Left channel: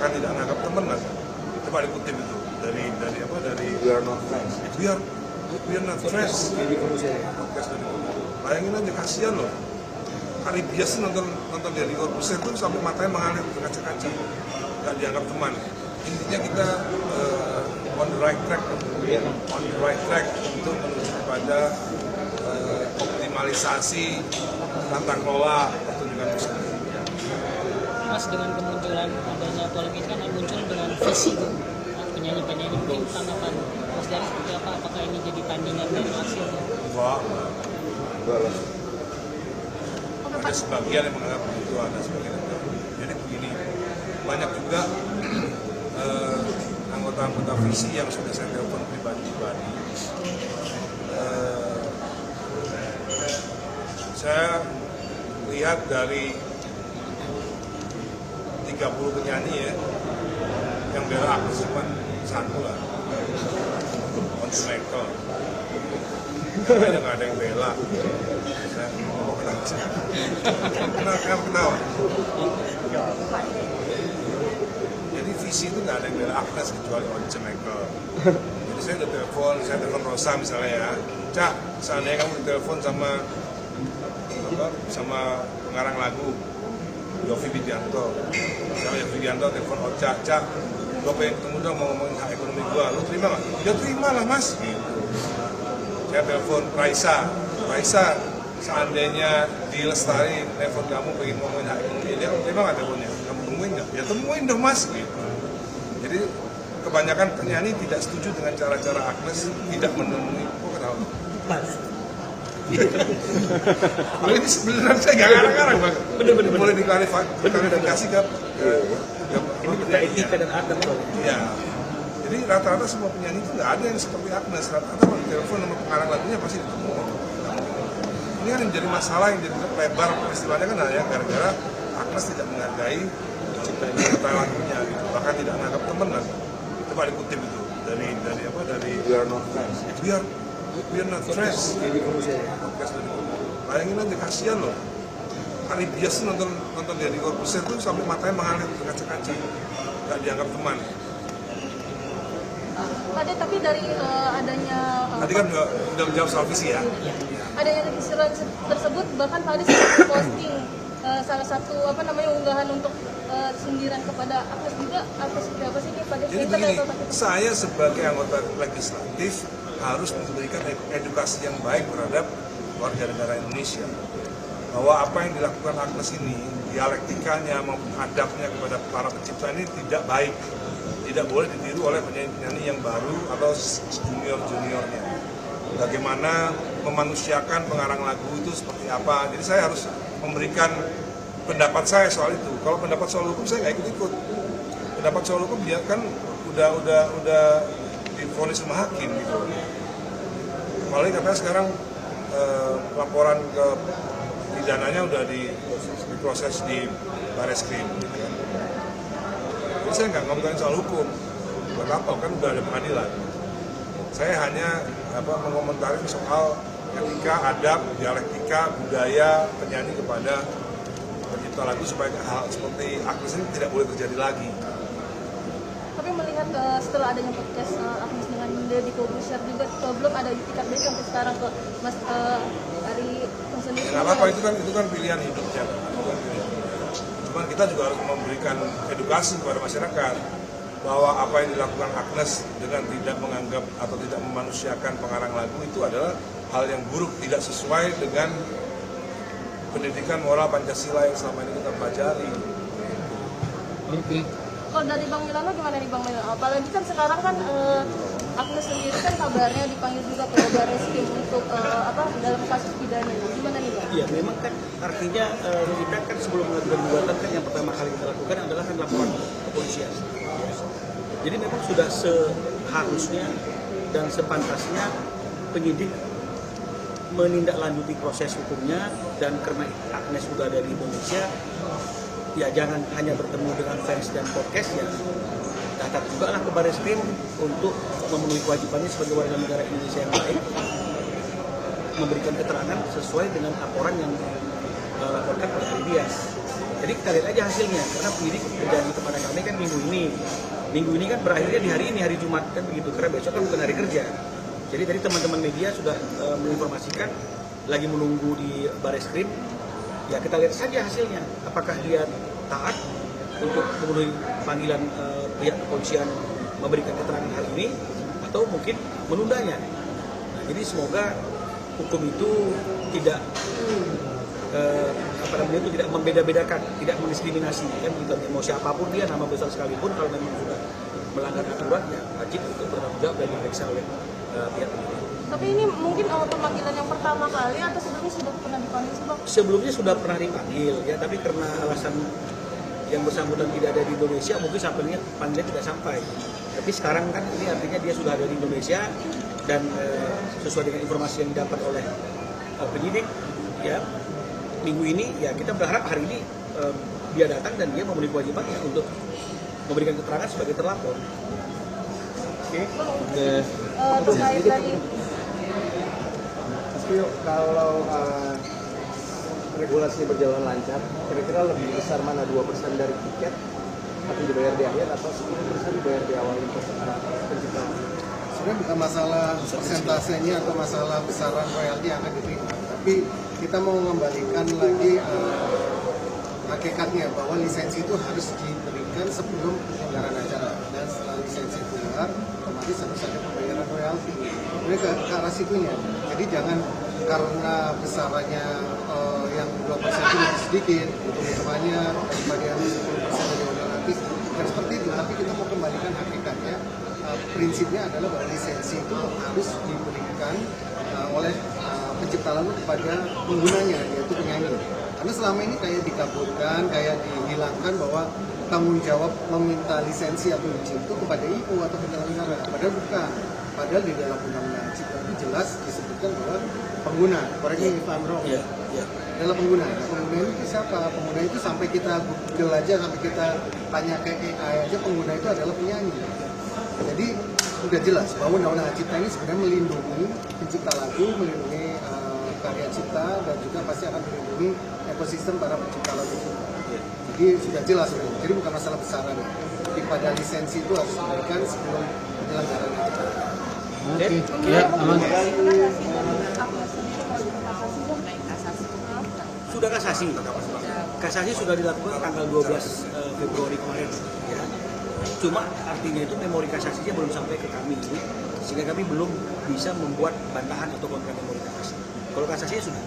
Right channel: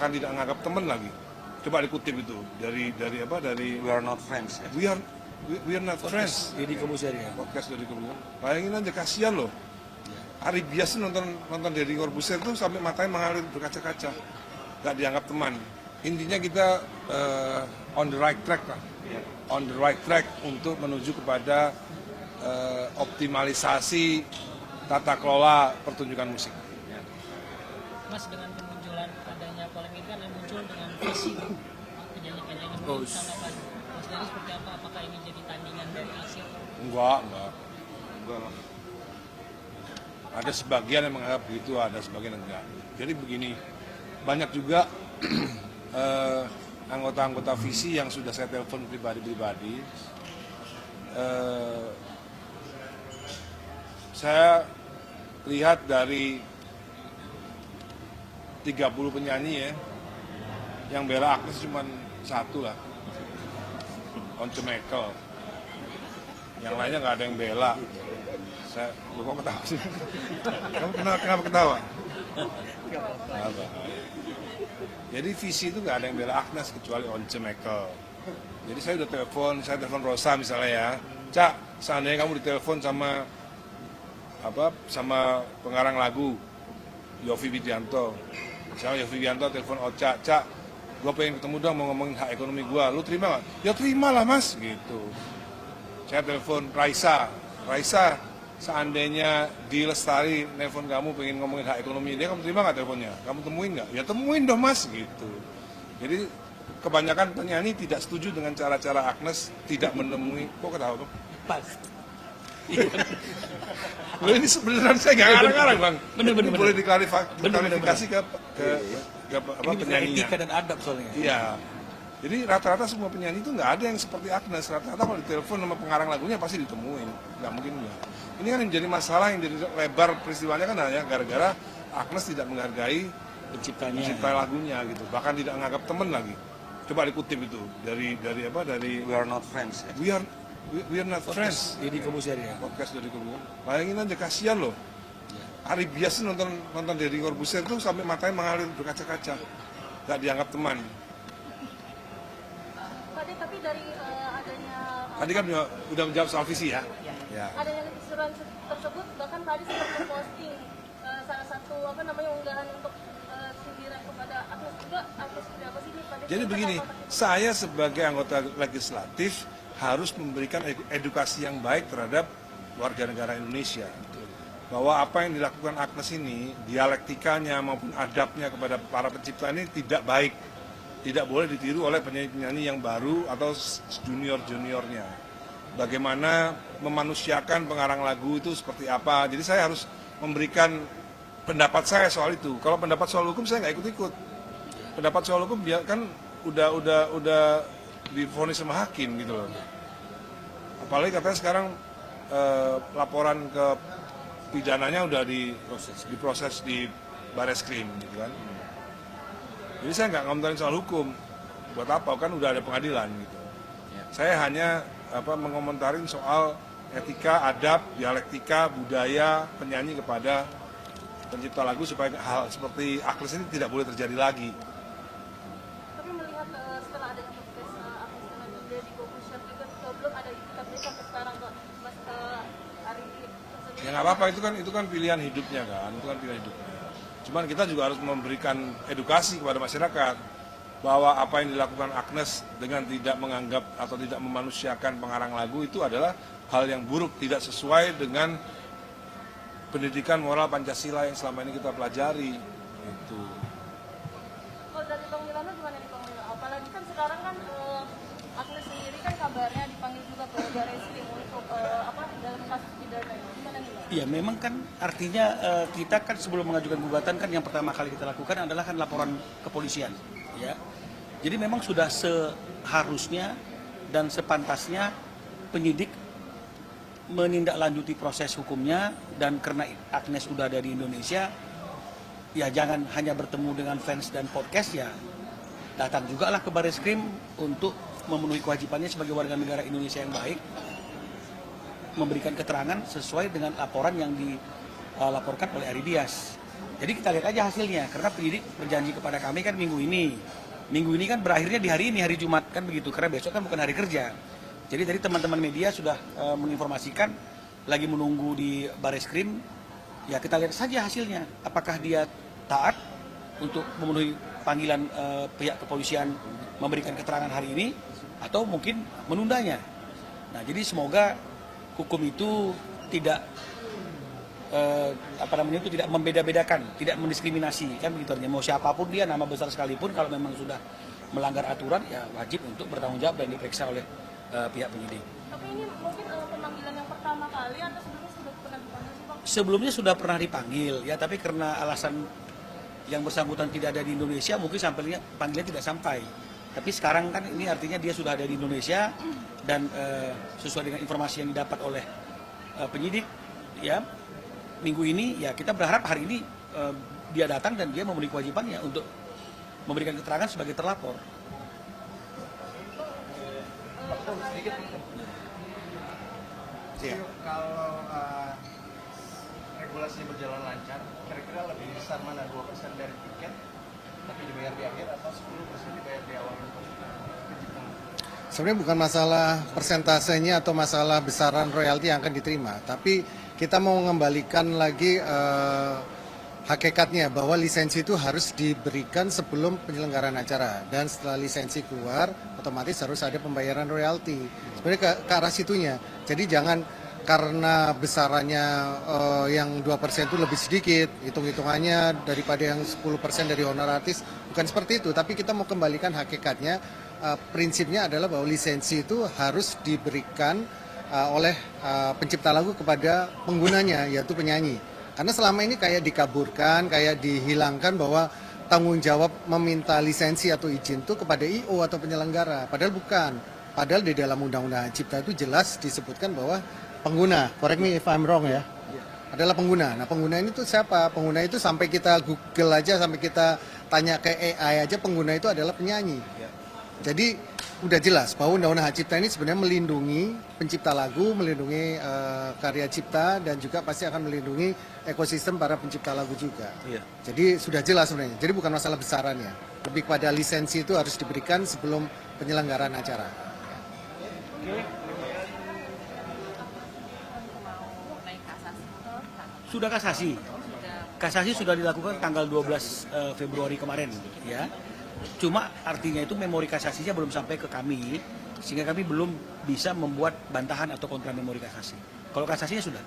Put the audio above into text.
bahkan tidak menganggap teman lagi. Coba dikutip itu dari We are not friends. we are not friends. Jadi kamu saya. Podcast dari kamu. Bayangin aja, kasihan loh. Hari biasa nonton dari Corbusier itu sampai matanya mengalir ke kaca-kaca, nggak dianggap teman. Intinya kita on the right track untuk menuju kepada optimalisasi tata kelola pertunjukan musik. Mas, dengan kemunculan adanya polemik kan muncul dengan visi tuh penyanyi-penyanyi mungkin tanggapan Mas Dari seperti apa? Apakah ini jadi tandingan dari hasil? Enggak. Ada sebagian yang menganggap begitu, ada sebagian yang enggak. Jadi begini, banyak juga anggota-anggota visi yang sudah saya telepon pribadi-pribadi. Saya lihat dari 30 penyanyi ya, yang bela Agnes cuma satu lah, Once Michael. Yang nggak ada yang bela. Saya kok kenapa sih? Kenapa ketawa? Jadi visi itu nggak ada yang bela Agnes kecuali Once Michael. Jadi saya udah telepon Rosa misalnya ya, Cak, seandainya kamu ditelepon sama pengarang lagu Yovie Widianto, misalnya Yovie Widianto telepon Ocha, Cak, gue pengen ketemu dong mau ngomongin hak ekonomi gue, lu terima nggak? Ya terima lah mas, gitu. Saya telepon Raisa, seandainya di Lestari telepon kamu pengen ngomongin hak ekonomi dia, kamu terima nggak teleponnya? Kamu temuin nggak? Ya temuin dong mas, gitu. Jadi kebanyakan penyanyi tidak setuju dengan cara-cara Agnes tidak menemui, kok ketawa? Oh, ini sebenarnya saya nggak ngarang-ngarang bang. Bener. Boleh diklarifikasi ke Ini juga etika dan adab soalnya. Iya. Jadi rata-rata semua penyanyi itu nggak ada yang seperti Agnes. Rata-rata kalau ditelepon sama pengarang lagunya pasti ditunggu. Nggak mungkin. Ini kan yang jadi masalah, yang jadi lebar peristiwanya kan hanya gara-gara Agnes tidak menghargai cipta lagunya gitu. Bahkan tidak menganggap teman lagi. Coba dikutip itu dari We are not friends. We are not friends. Jadi kamu saya. Podcast dari kamu. Bayangin aja, kasihan loh. Hari biasa nonton dari Corbusier itu sampai matanya mengalir ke kaca-kaca, nggak dianggap teman. Pak De, tapi dari adanya Tadi kan udah menjawab soal visi ya. adanya istilah tersebut, bahkan Pak De sempat posting salah satu unggahan untuk sindiran kepada Agnes juga, atau seperti apa sih Pak De? Jadi begini, saya sebagai anggota legislatif harus memberikan edukasi yang baik terhadap warga negara Indonesia, bahwa apa yang dilakukan Agnes ini, dialektikanya maupun adabnya kepada para pencipta ini tidak baik, tidak boleh ditiru oleh penyanyi-penyanyi yang baru atau junior-juniornya. Bagaimana memanusiakan pengarang lagu itu seperti apa. Jadi saya harus memberikan pendapat saya soal itu. Kalau pendapat soal hukum saya nggak ikut-ikut. Pendapat soal hukum dia kan udah divonis sama hakim gitu. Paling katanya sekarang laporan ke pidananya udah diproses di Bareskrim gitu kan. Jadi saya nggak ngomongin soal hukum, buat apa kan udah ada pengadilan. Saya hanya mengomentari soal etika, adab, dialektika, budaya penyanyi kepada pencipta lagu supaya hal seperti Agnes ini tidak boleh terjadi lagi. Tapi melihat setelah adanya podcast Agnes dengan Deddy Corbuzier juga belum ada itikat baik sampai sekarang ke Mas Ari sendiri. Nggak apa-apa, itu kan pilihan hidupnya kan. Cuman kita juga harus memberikan edukasi kepada masyarakat bahwa apa yang dilakukan Agnes dengan tidak menganggap atau tidak memanusiakan pengarang lagu itu adalah hal yang buruk, tidak sesuai dengan pendidikan moral Pancasila yang selama ini kita pelajari. Kalau dari Bang Milano gimana nih Bang Milano? Apalagi kan sekarang kan Agnes sendiri kan kabarnya dipanggil juga ke Bareskrim untuk dalam kasus pidana. Gimana nih Bang? Iya, memang kan artinya kita kan sebelum mengajukan gugatan kan yang pertama kali kita lakukan adalah kan laporan kepolisian. Ya. Jadi memang sudah seharusnya dan sepantasnya penyidik menindaklanjuti proses hukumnya, dan karena Agnes sudah dari Indonesia, ya jangan hanya bertemu dengan fans dan podcast, ya datang juga lah ke Bareskrim untuk memenuhi kewajibannya sebagai warga negara Indonesia yang baik, memberikan keterangan sesuai dengan laporan yang dilaporkan oleh Ari Dias. Jadi kita lihat aja hasilnya, karena penyidik berjanji kepada kami kan minggu ini kan berakhirnya di hari ini, hari Jumat kan begitu, karena besok kan bukan hari kerja. Jadi dari teman-teman media sudah menginformasikan lagi menunggu di Bareskrim, ya kita lihat saja hasilnya, apakah dia taat untuk memenuhi panggilan pihak kepolisian memberikan keterangan hari ini atau mungkin menundanya. Nah, jadi semoga hukum itu tidak tidak membeda-bedakan, tidak mendiskriminasi kan gitu. Mau siapapun dia, nama besar sekalipun, kalau memang sudah melanggar aturan ya wajib untuk bertanggung jawab dan diperiksa oleh pihak penyidik. Tapi ini mungkin pemanggilan yang pertama kali atau sebelumnya sudah pernah dipanggil sih Bang? Sebelumnya sudah pernah dipanggil ya, tapi karena alasan yang bersangkutan tidak ada di Indonesia, mungkin panggilan tidak sampai. Tapi sekarang kan ini artinya dia sudah ada di Indonesia dan sesuai dengan informasi yang didapat oleh penyidik ya, minggu ini ya kita berharap hari ini dia datang dan dia memenuhi kewajibannya untuk memberikan keterangan sebagai terlapor. Terkait tadi Kalau regulasi berjalan lancar, kira-kira lebih besar mana 2% dari tiket tapi dibayar di akhir atau 10% dibayar di awal untuk penciptaan? Sebenarnya bukan masalah persentasenya atau masalah besaran royalti yang akan diterima, tapi kita mau mengembalikan lagi hakikatnya bahwa lisensi itu harus diberikan sebelum penyelenggaraan acara, dan setelah lisensi keluar otomatis harus ada pembayaran royalti. Sebenarnya ke arah situnya. Jadi jangan karena besarannya yang 2% itu lebih sedikit, hitung-hitungannya daripada yang 10% dari honoraris, bukan seperti itu. Tapi kita mau kembalikan hakikatnya, prinsipnya adalah bahwa lisensi itu harus diberikan oleh pencipta lagu kepada penggunanya, yaitu penyanyi. Karena selama ini kayak dikaburkan, kayak dihilangkan bahwa tanggung jawab meminta lisensi atau izin itu kepada I.O. atau penyelenggara. Padahal bukan. Padahal di dalam Undang-Undang Cipta itu jelas disebutkan bahwa pengguna, correct me if I'm wrong ya, adalah pengguna. Nah, pengguna itu siapa? Pengguna itu sampai kita Google aja, sampai kita tanya ke AI aja, pengguna itu adalah penyanyi. Jadi udah jelas bahwa Undang-Undang Cipta ini sebenarnya melindungi pencipta lagu, melindungi karya cipta, dan juga pasti akan melindungi ekosistem para pencipta lagu juga. Jadi sudah jelas sebenarnya. Jadi bukan masalah besarannya, tapi pada lisensi itu harus diberikan sebelum penyelenggaraan acara. Sudah kasasi. Kasasi sudah dilakukan tanggal 12 Februari kemarin ya. Cuma artinya itu memori kasasinya belum sampai ke kami, sehingga kami belum bisa membuat bantahan atau kontra memori kasasi. Kalau kasasinya sudah.